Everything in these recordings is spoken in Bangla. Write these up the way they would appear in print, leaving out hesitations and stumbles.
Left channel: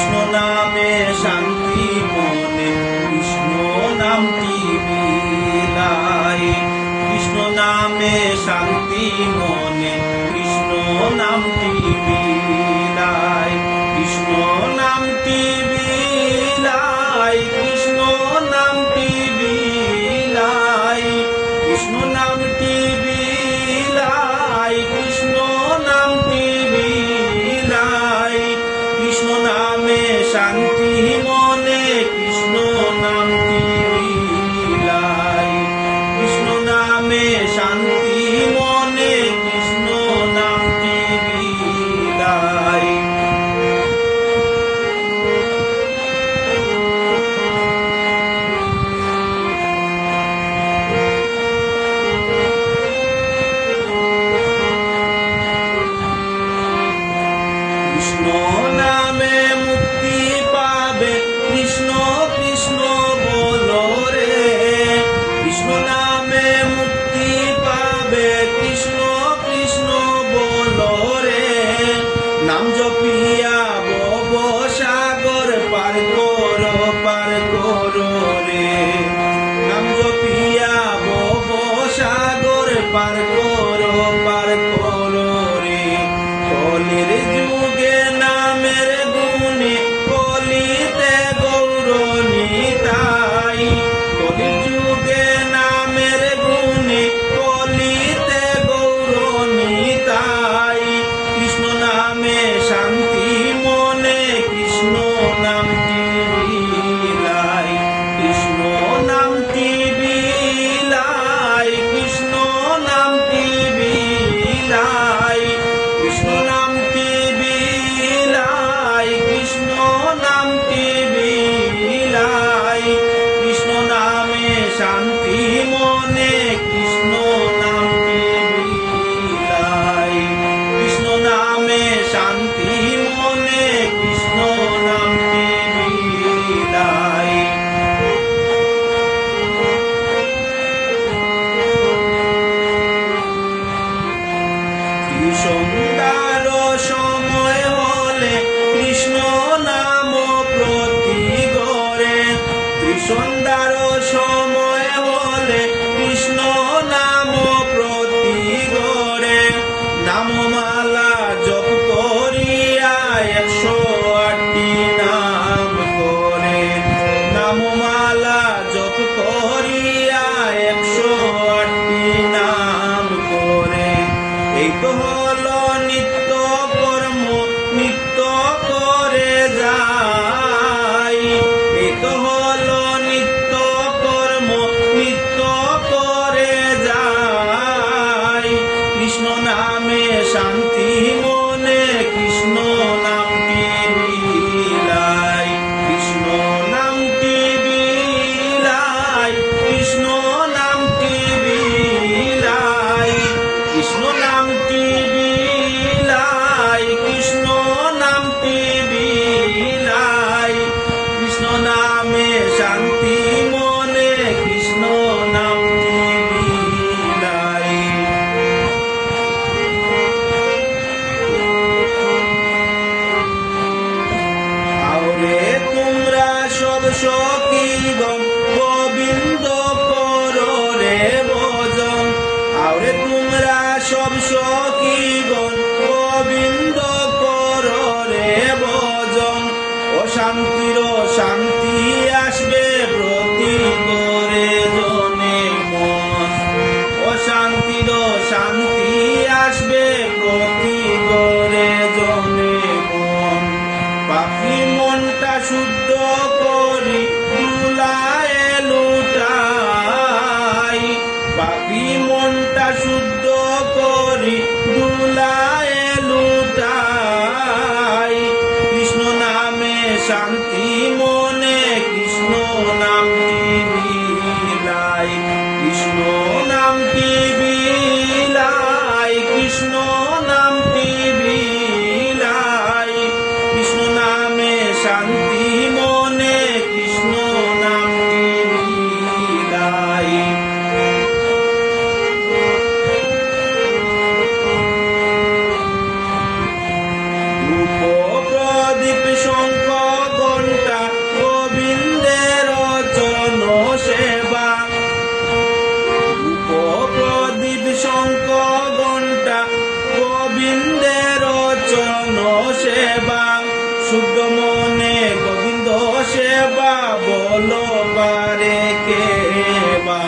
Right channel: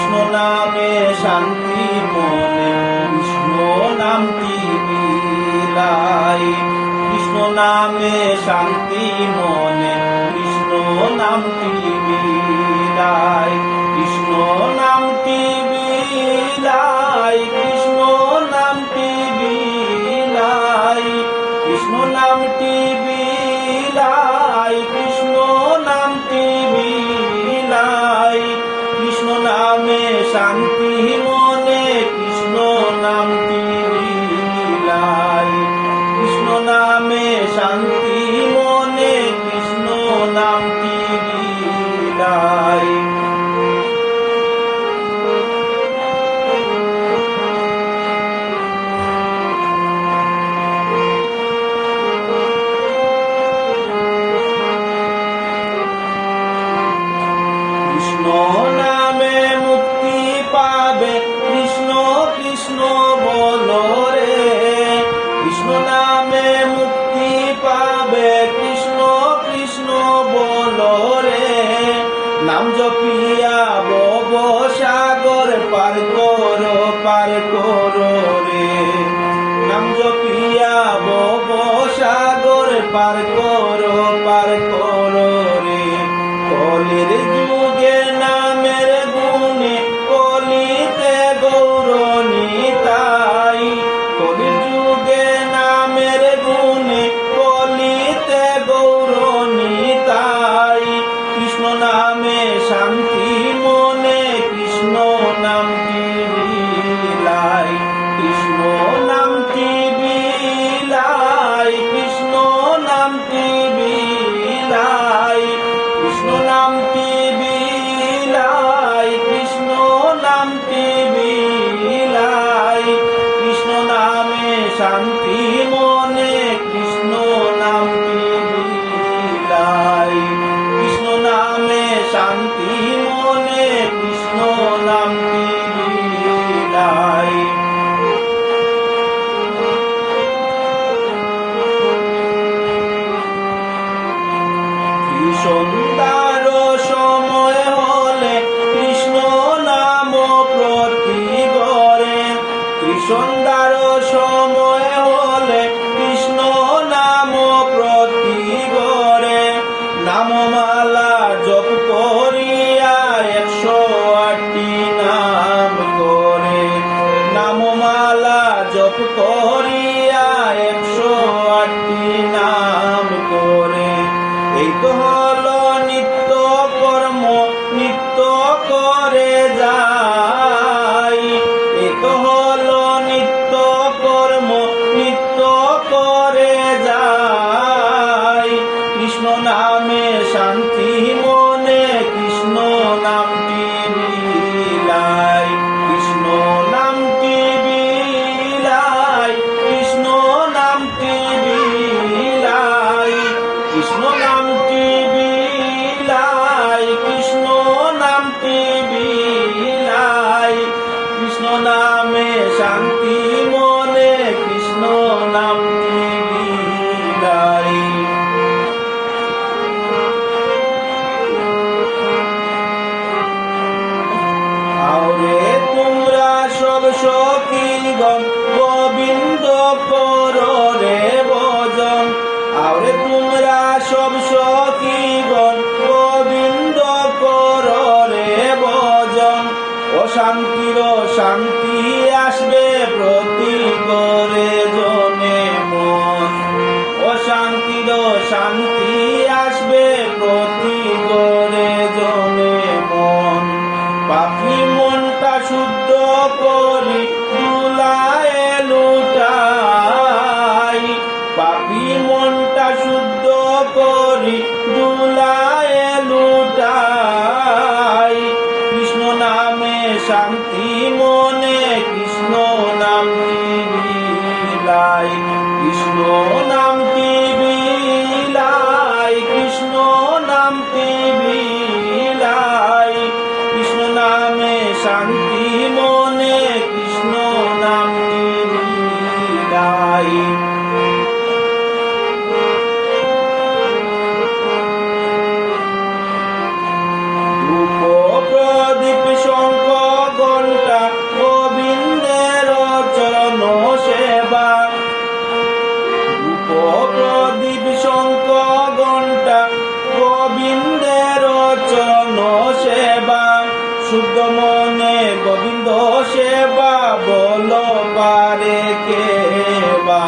কৃষ্ণ নামে শান্তি মনে, কৃষ্ণ নামটি বিলাই। কৃষ্ণ নামে শান্তি মনে, কৃষ্ণ নামটি বিলাই। কৃষ্ণ নামটি বিলাই, কৃষ্ণ নামটি বিলাই। কৃষ্ণ নামটি বিলাই, কৃষ্ণ নামটি বিলাই। কৃষ্ণ নামে শান্তি মনে, কৃষ্ণ নামটি বিলাই। কৃষ্ণ নামে শান্তি মনে, কৃষ্ণ নামটি বিলাই। কৃষ্ণ নামে মুক্তি পাবে, কৃষ্ণ কৃষ্ণ বলো রে। কৃষ্ণ নামে মুক্তি পাবে, কৃষ্ণ কৃষ্ণ বলো রে। নাম জপিয়া ভব সাগর পার করো রে। নাম জপিয়া ভব সাগর পার করো রে। কলির যুগে নামের গুণে, কলিতে গৌরনিতাই। কলির যুগে নামের গুণে, কলিতে গৌরনিতাই। কৃষ্ণ নামে শান্তি মনে, কৃষ্ণ নামটি বিলাই। কৃষ্ণ নামটি বিলাই, কৃষ্ণ নামটি বিলাই। কৃষ্ণ নামটি বিলাই, কৃষ্ণ নামটি বিলাই। কৃষ্ণ নামে শান্তি মনে, কৃষ্ণ নামটি বিলাই। কৃষ্ণ নামে শান্তি মনে, কৃষ্ণ নামটি বিলাই। সন্ধ্যার সময় হলে কৃষ্ণ নাম প্রতি গড়ে। সন্ধ্যার সময় হলে কৃষ্ণ নাম প্রতি গড়ে। নামমালা জপ করিয়া 108টি নাম করে। নামমালা জপ করিয়া 108টি নাম করে। এই তো হলো নিত্য কর্ম, নিত্য করে যাই। এই তো হলো নিত্য কর্ম, নিত্য করে যাই। কৃষ্ণ নামে শান্তি মনে, কৃষ্ণ নামটি বিলাই। কৃষ্ণ নামটি বিলাই, কৃষ্ণ নামটি বিলাই। কৃষ্ণ নামটি বিলাই, কৃষ্ণ নামটি বিলাই। কৃষ্ণ নামে শান্তি মনে, কৃষ্ণ নামটি বিলাই। আরে তোমরা সব সখীগণ গোবিন্দ করো রে ভজন। আরে তোমরা সব সখীগণ গোবিন্দ করো রে ভজন। অশান্তির শান্তি আসবে প্রতি করে জনে মন। অশান্তির শান্তি আসবে প্রতি করে জনে মন। পাপি মনটা শুদ্ধ করি দুলায় লুটাই। পাপি মনটা শুদ্ধ করি দুলায় লুটাই। কৃষ্ণ নামে শান্তি মনে, কৃষ্ণ নামটি বিলাই। কৃষ্ণ নামটি বিলাই, কৃষ্ণ নামটি বিলাই। কৃষ্ণ নামে মনে গোবিন্দ সেবা বল পারে কে বা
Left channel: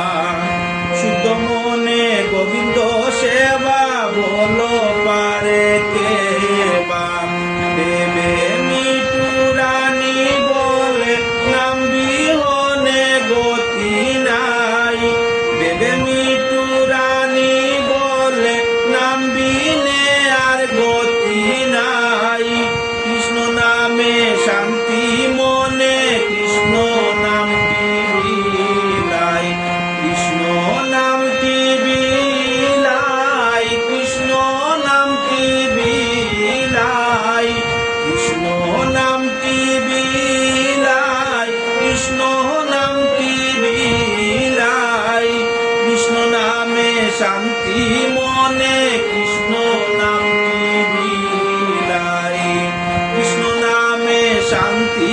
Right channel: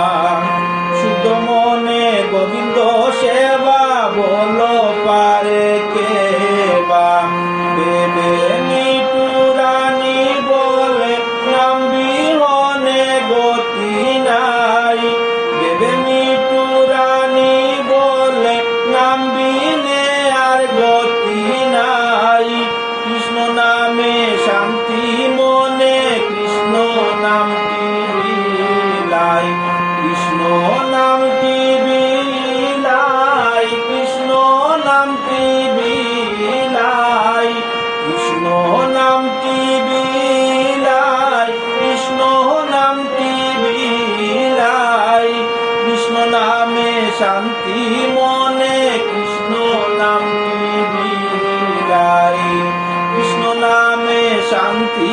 শুদ্ধ মনে গোবিন্দ সেবা বল পারে কে বা দেবে মিটুরানি বলে নাম বিহনে গতি নাই দেবে মিটুরানি বলে নাম বিনে আর গতি নাই কৃষ্ণ নামে শান্তি মনে কৃষ্ণ নামটি বিলাই কৃষ্ণ নামটি বিলাই কৃষ্ণ নামটি বিলাই কৃষ্ণ নামটি বিলাই কৃষ্ণ নামটি বিলাই কৃষ্ণ নামে শান্তি মনে কৃষ্ণ নামটি বিলাই কৃষ্ণ নামে শান্তি